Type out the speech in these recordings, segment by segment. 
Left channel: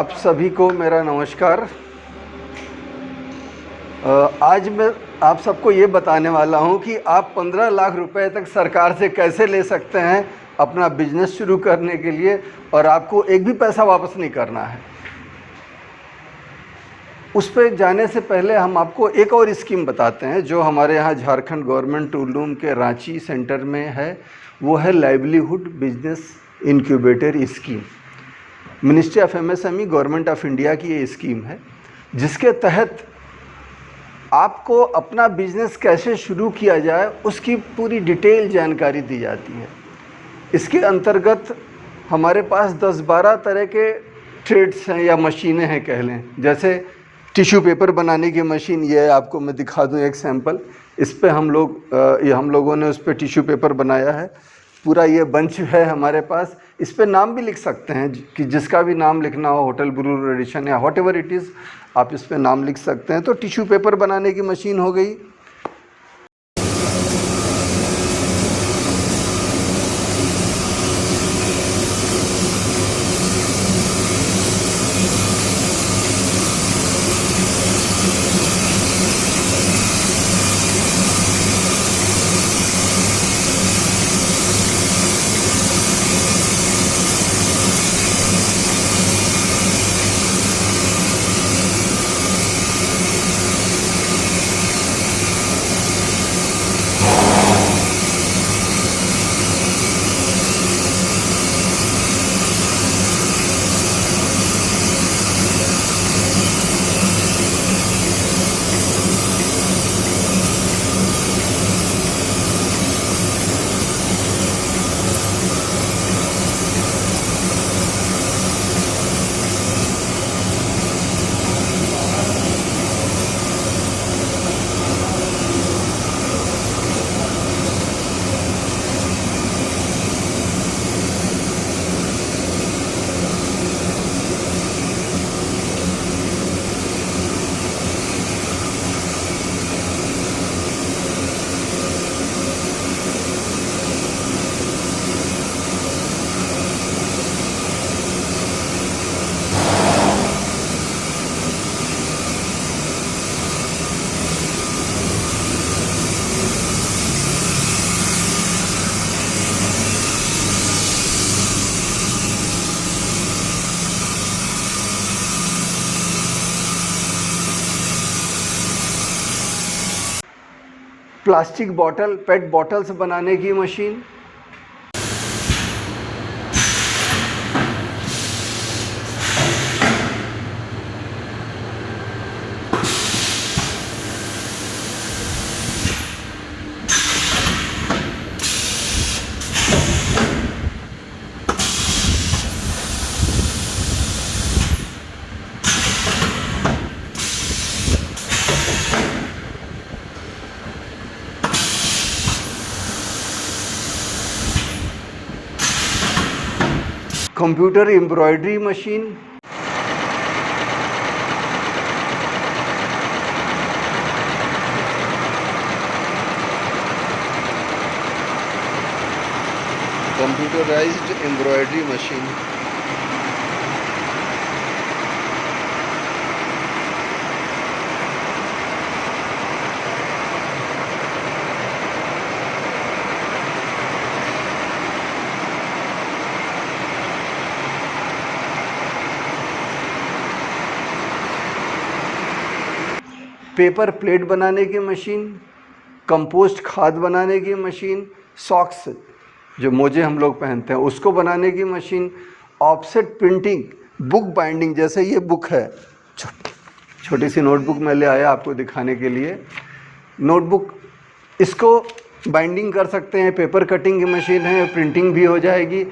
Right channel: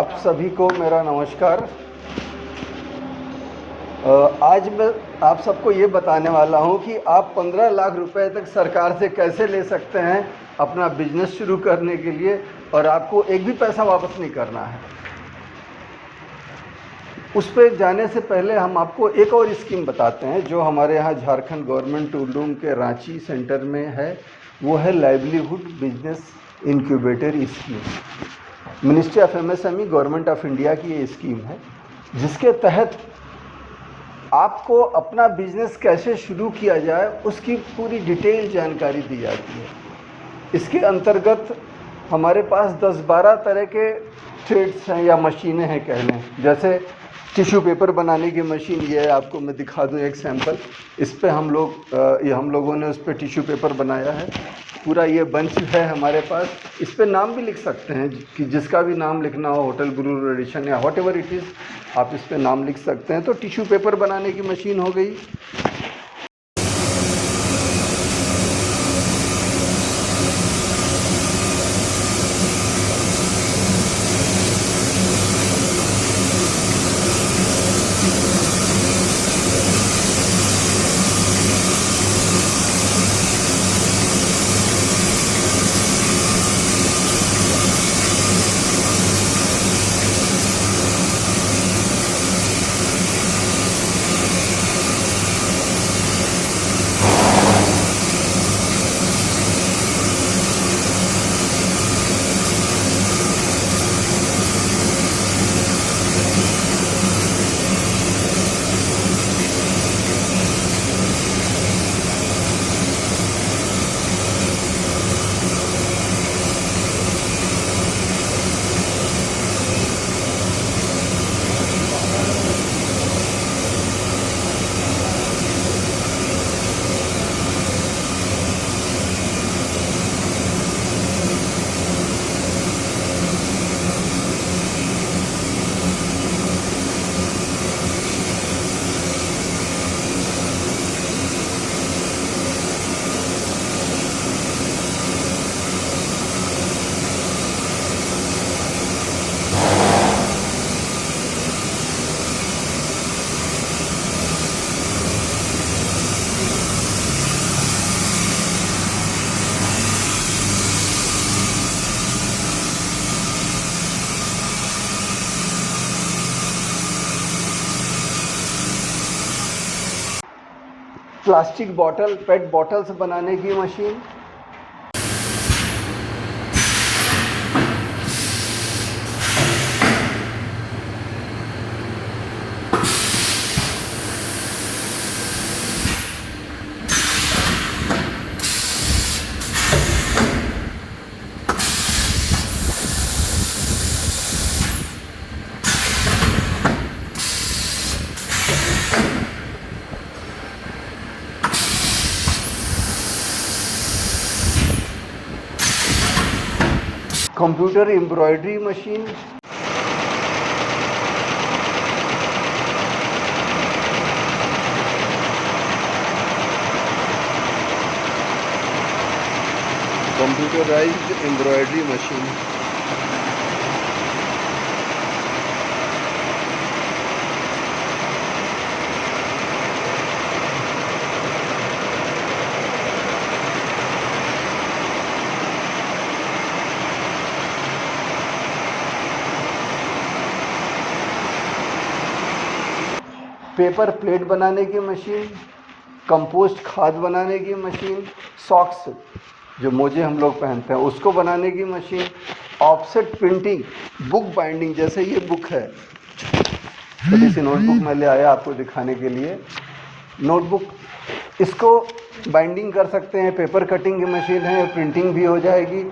आप सभी को मेरा नमस्कार। आज मैं आप सबको ये बताने वाला हूँ कि आप 15 लाख रुपए तक सरकार से कैसे ले सकते हैं अपना बिजनेस शुरू करने के लिए, और आपको एक भी पैसा वापस नहीं करना है। उस पर जाने से पहले हम आपको एक और स्कीम बताते हैं जो हमारे यहाँ झारखंड गवर्नमेंट टूल रूम के रांची सेंटर में है। वो है livelihood business incubator scheme. Ministry of MSME government of India की ये स्कीम है, जिसके तहत आपको अपना बिजनेस कैसे शुरू किया जाए उसकी पूरी डिटेल जानकारी दी जाती है। इसके अंतर्गत हमारे पास 10-12 तरह के ट्रेड्स हैं या मशीनें हैं कह लें। जैसे टिश्यू पेपर बनाने की मशीन, ये है, आपको मैं दिखा दूं एक सैंपल। इस पे हम लोगों ने उस पर टिश्यू पेपर बनाया है। पूरा ये बंच है हमारे पास। इस पे नाम भी लिख सकते हैं कि जिसका भी नाम लिखना हो, होटल ब्रू एडिशन या वॉट एवर इट इज़, आप इस पे नाम लिख सकते हैं। तो टिश्यू पेपर बनाने की मशीन हो गई। प्लास्टिक बॉटल, पेट बॉटल्स बनाने की machine. Computer embroidery machine. Computerised embroidery machine. Paper plate बनाने की मशीन। कंपोस्ट खाद बनाने की मशीन। सॉक्स, जो मोजे हम लोग पहनते हैं, उसको बनाने की machine. Offset printing, book binding, जैसे ये बुक है, छोटी सी नोटबुक मैं ले आया आपको दिखाने के लिए। नोटबुक, इसको बाइंडिंग कर सकते हैं। पेपर कटिंग की मशीन है, प्रिंटिंग भी हो जाएगी।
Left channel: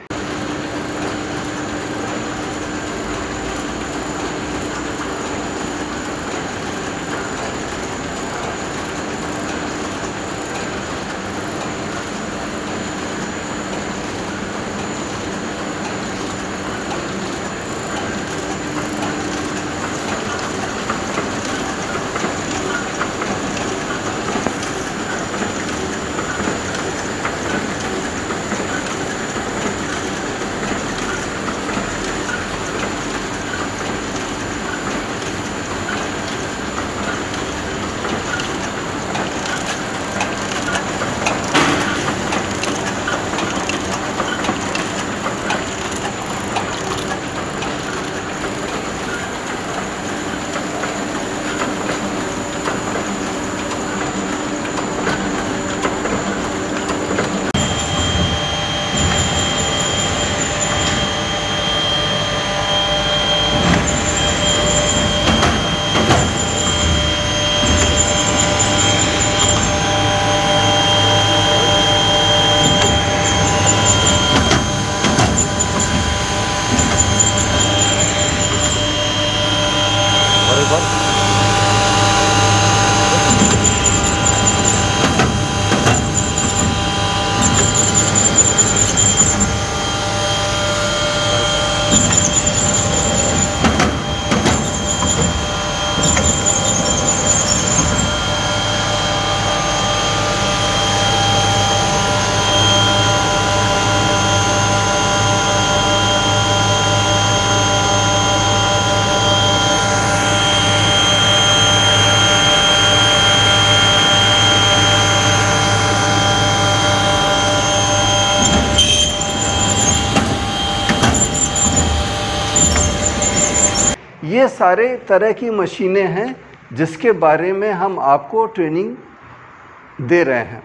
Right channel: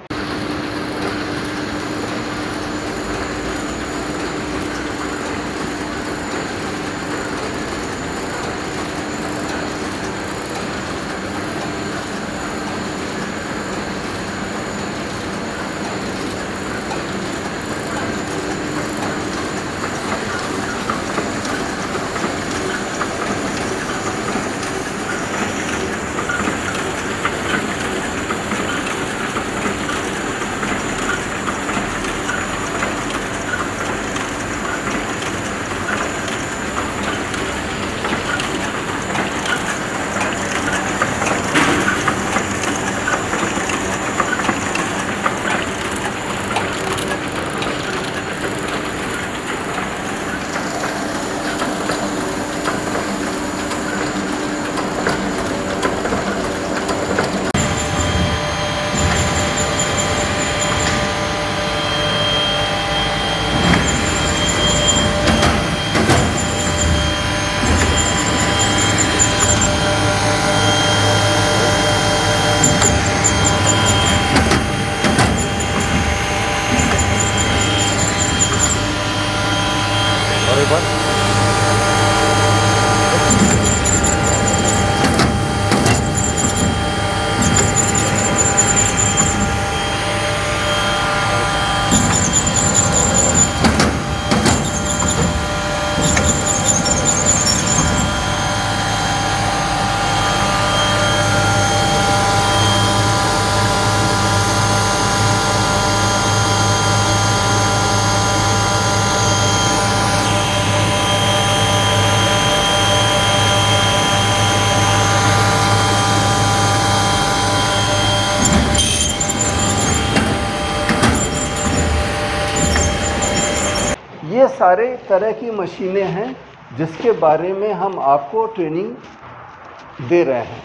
ये सारे तरह की मशीनें हैं जिसके बारे में हम आपको ट्रेनिंग दे रहे हैं।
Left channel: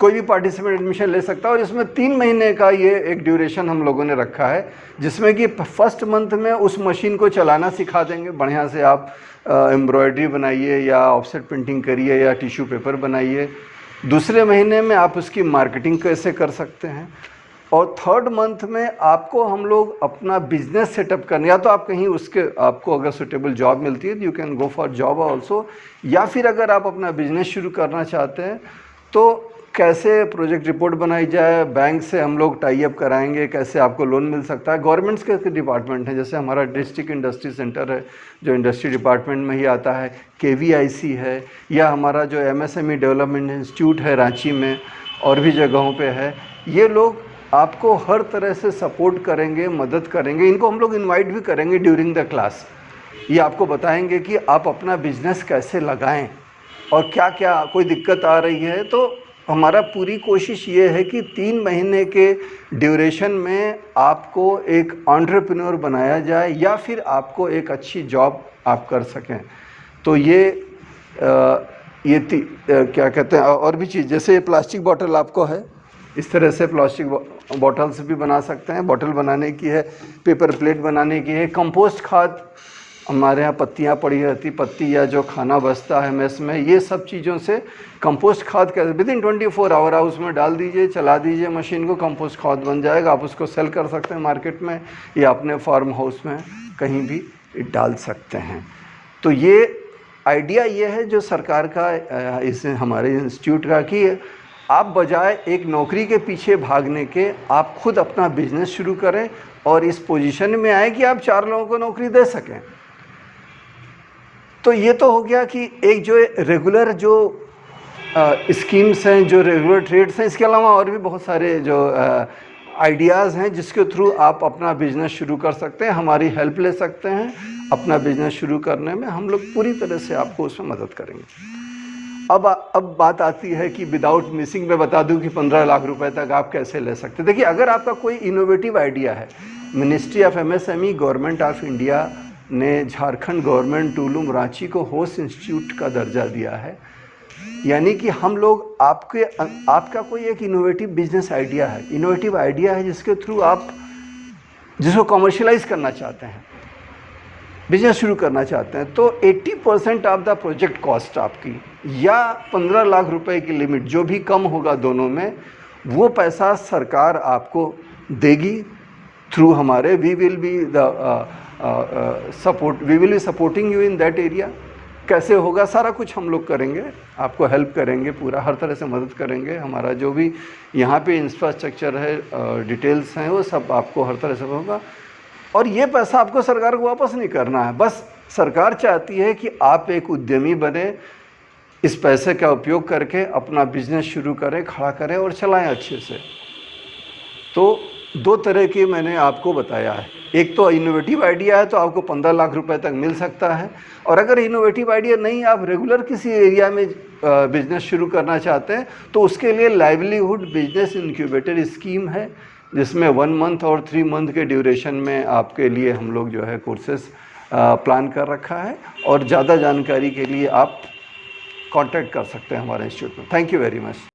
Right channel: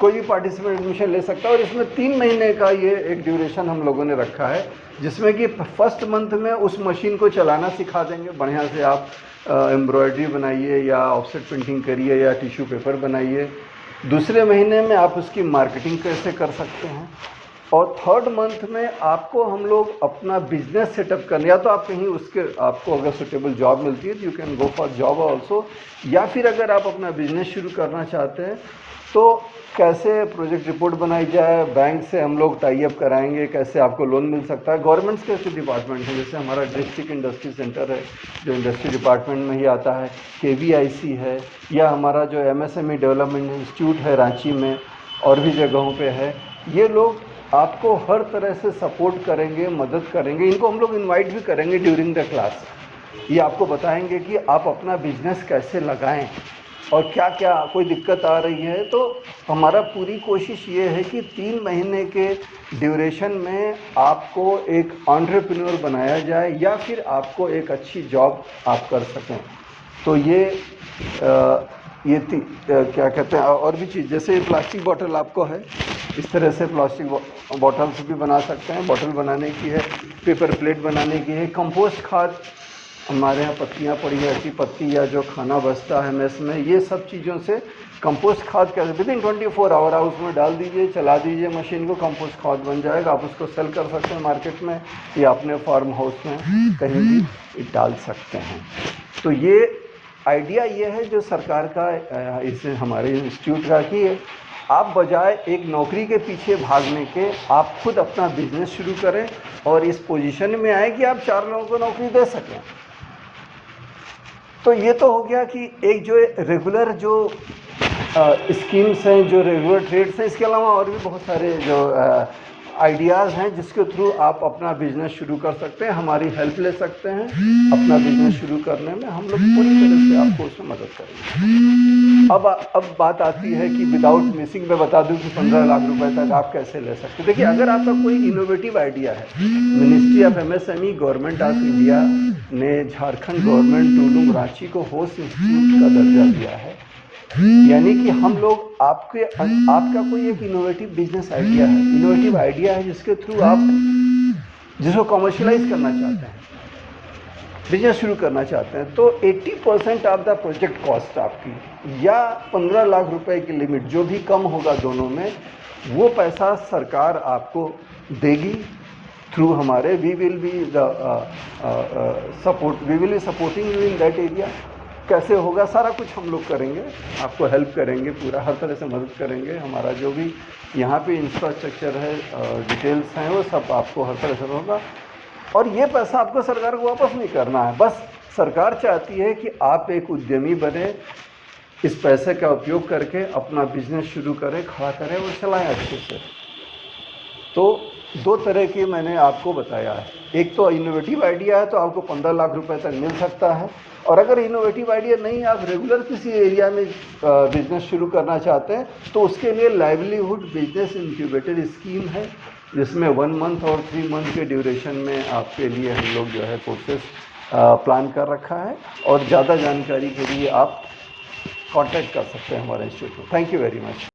कोई भी पार्टिसिपेंट एडमिशन ले सकता है और इसमें 3 महीने का ये एक ड्यूरेशन हम लोगों ने रखा है, जिसमें कि फर्स्ट मंथ में उस मशीन को चलाना सिखा देंगे। बढ़िया से आप एम्ब्रॉयडरी बनाइए या ऑफसेट प्रिंटिंग करिए या टिश्यू पेपर बनाइए। दूसरे महीने में आप उसकी मार्केटिंग कैसे कर सकते हैं, और थर्ड मंथ में आपको हम लोग अपना बिजनेस सेटअप करने, या तो आप कहीं उसके आपको अगर सुटेबल जॉब मिलती है तो you can go for job also, या फिर अगर आप अपना बिजनेस शुरू करना चाहते हैं तो कैसे प्रोजेक्ट रिपोर्ट बनाई जाए, बैंक से हम लोग टाई अप कराएंगे, कैसे आपको लोन मिल सकता है। गवर्नमेंट्स के डिपार्टमेंट हैं, जैसे हमारा डिस्ट्रिक्ट इंडस्ट्री सेंटर है जो इंडस्ट्री डिपार्टमेंट में ही आता है, KVIC है, या हमारा जो MSME डेवलपमेंट इंस्टीट्यूट है रांची में और भी जगहों पे है। ये लोग आपको हर तरह से सपोर्ट करेंगे, मदद करेंगे। इनको हम लोग इनवाइट भी करेंगे ड्यूरिंग द क्लास। ये आपको बताएंगे कि आप अपना बिजनेस कैसे लगाएं और क्या क्या कोई दिक्कत आ रही है। तो हमारा पूरी कोशिश ये है कि 3 महीने के ड्यूरेशन में आपको एक एंटरप्रेन्योर बनाया जाए या फिर आपको एक अच्छी जॉब आप कर सकें। तो ये क्या कहते हैं, और भी चीज़, जैसे प्लास्टिक बॉटल आपको है, इस तरह से प्लास्टिक बॉटल्स भी बना सकते हैं। बॉटल बनाने की है, पेपर प्लेट बनाने की है। कंपोस्ट खाद, हमारे यहाँ पत्तियाँ पड़ी रहती, पत्ती या जो खाना बचता है मेस में, ये सब चीज़ों से कंपोस्ट खाद कर विदिन 24 आवर आप उसमें डाल दीजिए, चला दीजिए मशीन को, कंपोस्ट खाद बन जाएगा। आप उसको सेल कर सकते हैं मार्केट में या अपने फार्म हाउस में कहीं भी डाल सकते हैं। तो ये आइडिया ये है जो सरकार का, इसे हमारे इंस्टीट्यूट का, कि आप बजाय एक नौकरी के पीछे भागने के आप खुद अपना बिजनेस शुरू करें और इस पोजीशन में आए कि आप 4 लोगों को नौकरी दे सकें। तो ये तो हो गया कि एक जो रेगुलर जो स्कीम्स हैं, जो रेगुलर ट्रेड्स हैं, इसके अलावा और भी बहुत सारे जो आइडियाज़ हैं जिसके थ्रू आप अपना बिजनेस शुरू कर सकते हैं। हमारी हेल्प ले सकते हैं अपना बिजनेस शुरू करने में। हम लोग पूरी तरह से आपको उसमें मदद करेंगे। अब बात आती है कि विदाउट मिसिंग मैं बता दूं कि 15 लाख रुपए तक आप कैसे ले सकते हैं। देखिए, अगर आपका कोई इनोवेटिव आइडिया है, ministry of MSME government of India ने झारखंड गवर्नमेंट टूलूम रांची को होस्ट इंस्टीट्यूट का दर्जा दिया है। यानी कि हम लोग आपका कोई एक इनोवेटिव बिजनेस आइडिया है, इनोवेटिव आइडिया है जिसके थ्रू आप जिसको कमर्शियलाइज करना चाहते हैं, बिजनेस शुरू करना चाहते हैं, तो 80% ऑफ द प्रोजेक्ट कॉस्ट आपकी, या 15 लाख रुपए की लिमिट, जो भी कम होगा दोनों में, वो पैसा सरकार आपको देगी थ्रू हमारे we will be supporting you in that area. कैसे होगा सारा कुछ हम लोग करेंगे, आपको हेल्प करेंगे, पूरा हर तरह से मदद करेंगे। हमारा जो भी यहाँ पे इंफ्रास्ट्रक्चर है, डिटेल्स हैं, वो सब आपको हर तरह से होगा। और ये पैसा आपको सरकार को वापस नहीं करना है, बस सरकार चाहती है कि आप एक उद्यमी बने, इस पैसे का उपयोग करके अपना बिजनेस शुरू करें, खड़ा करें और चलाएं अच्छे से। तो 2 तरह के मैंने आपको बताया है। एक तो इनोवेटिव आइडिया है तो आपको 15 लाख रुपए तक मिल सकता है, और अगर इनोवेटिव आइडिया नहीं, आप रेगुलर किसी एरिया में बिजनेस शुरू करना चाहते हैं, तो उसके लिए लाइवलीहुड बिजनेस इंक्यूबेटर स्कीम है, जिसमें 1 मंथ और 3 मंथ के ड्यूरेशन में आपके लिए हम लोग जो है कोर्सेस प्लान कर रखा है। और ज़्यादा जानकारी के लिए आप कांटेक्ट कर सकते हैं हमारे इंस्टीट्यूट में। Thank you very much.